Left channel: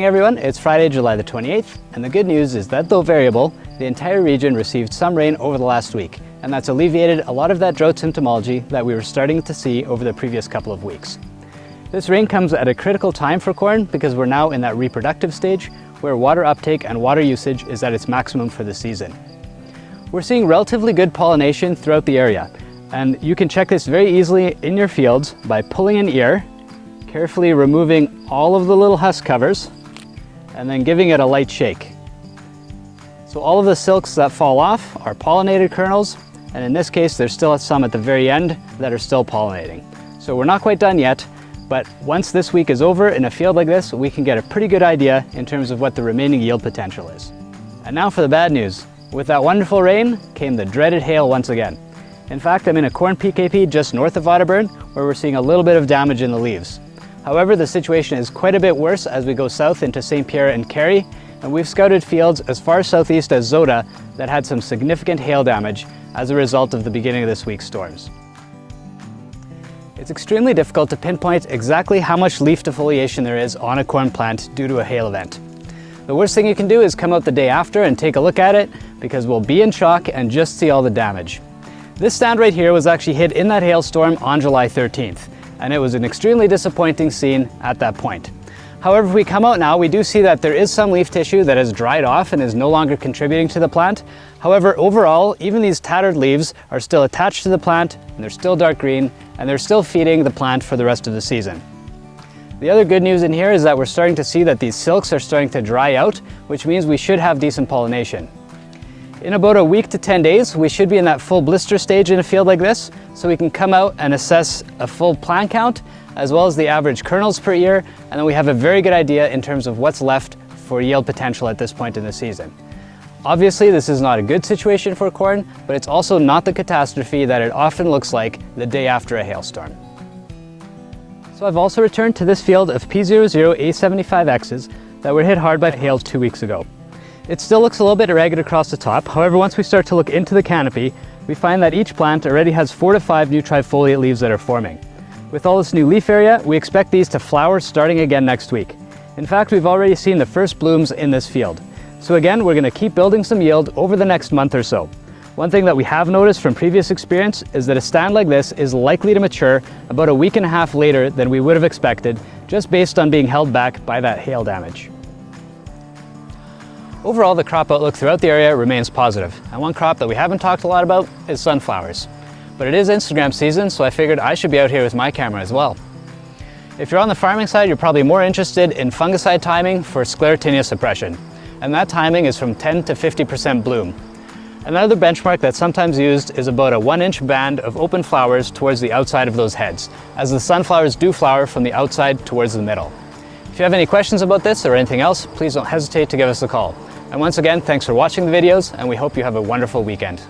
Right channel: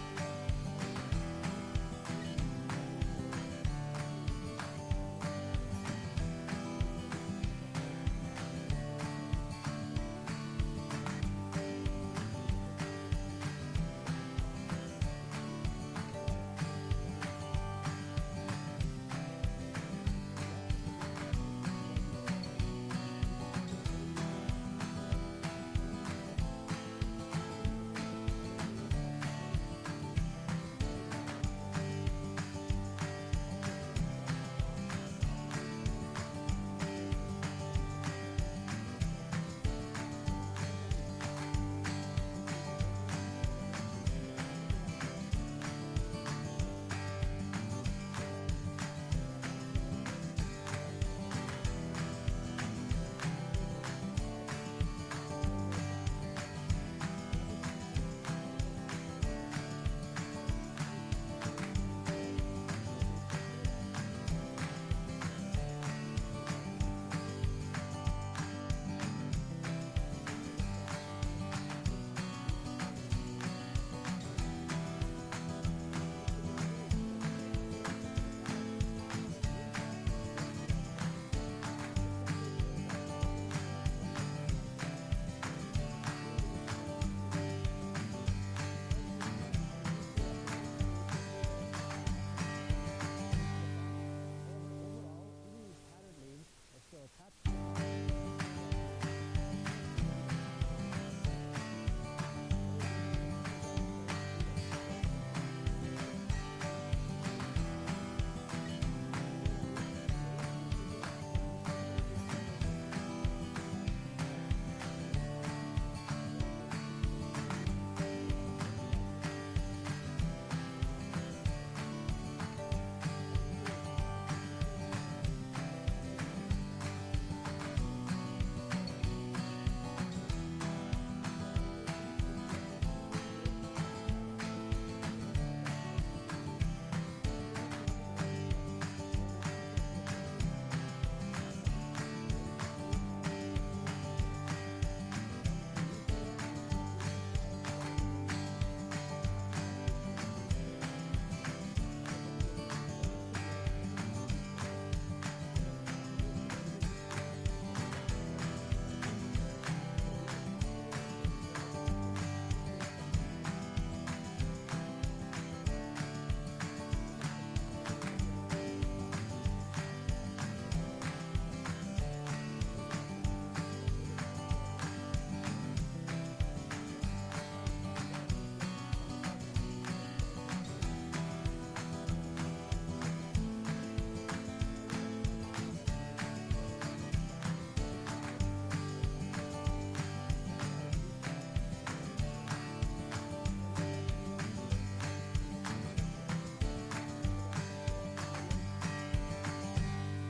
morning everyone, it's Friday, July the 28th, and the good news is that though variable, the entire region received some rain over the last week, and that's alleviated a lot of that drought symptomology that we were starting to see over the previous couple of weeks. This rain comes at a critical time for corn because we're now in that reproductive stage where water uptake and water usage is at its maximum for the season. We're seeing relatively good pollination throughout the area, and you can check this very easily in your fields by pulling an ear, carefully removing all of the little husk covers, and then giving it a light shake. So all of the silks that fall off are pollinated kernels, and in this case there's still some at the very end that are still pollinating. So we're not quite done yet, but once this week is over in a field like this, we can get a pretty good idea in terms of what the remaining yield potential is. And now for the bad news. With that wonderful rain came the dreaded hail once again. In fact, I'm in a corn PKP just north of Waterburn where we're seeing a little bit of damage in the leaves. However, the situation is quite a bit worse as we go south into St. Pierre and Carey, and we've scouted fields as far southeast as Zota that had some significant hail damage as a result of the beginning of this week's storms. It's extremely difficult to pinpoint exactly how much leaf defoliation there is on a corn plant due to a hail event. The worst thing you can do is come out the day after and take a look at it because we'll be in shock and just see all the damage. This stand right here was actually hit in that hailstorm on July 13th. And it was an extremely disappointing scene at that point. However, if we come out now, we do see that there is some leaf tissue that has dried off and is no longer contributing to the plant. However, overall, even these tattered leaves are still attached to the plant, and they're still dark green, and they're still feeding the plant for the rest of the season. The other good news in here is that we're starting to see that these silks are starting to dry out, which means we should have decent pollination. In about a week to 10 days, we should be in that full blister stage in a field like this, so we can come out and assess a full plant count, as well as the average kernels per ear, and then we have a very good idea in terms of what's left for yield potential at this point in the season. Obviously, this is not a good situation for corn, but it's also not the catastrophe that it often looks like the day after a hailstorm. So I've also returned to this field of P00A75Xs that were hit hard by hail 2 weeks ago. It still looks a little bit irregular across the top. However, once we start to look into the canopy, we find that each plant already has 4 to 5 new trifoliate leaves that are forming. With all this new leaf area, we expect these to flower starting again next week. In fact, we've already seen the first blooms in this field. So again, we're going to keep building some yield over the next month or so. One thing that we have noticed from previous experience is that a stand like this is likely to mature about a week and a half later than we would have expected, just based on being held back by that hail damage. Overall, the crop outlook throughout the area remains positive, and one crop that we haven't talked a lot about is sunflowers. But it is Instagram season, so I figured I should be out here with my camera as well. If you're on the farming side, you're probably more interested in fungicide timing for sclerotinia suppression, and that timing is from 10 to 50% bloom. Another benchmark that's sometimes used is about a 1-inch band of open flowers towards the outside of those heads, as the sunflowers do flower from the outside towards the middle. If you have any questions about this or anything else, please don't hesitate to give us a call. And once again, thanks for watching the videos, and we hope you have a wonderful weekend.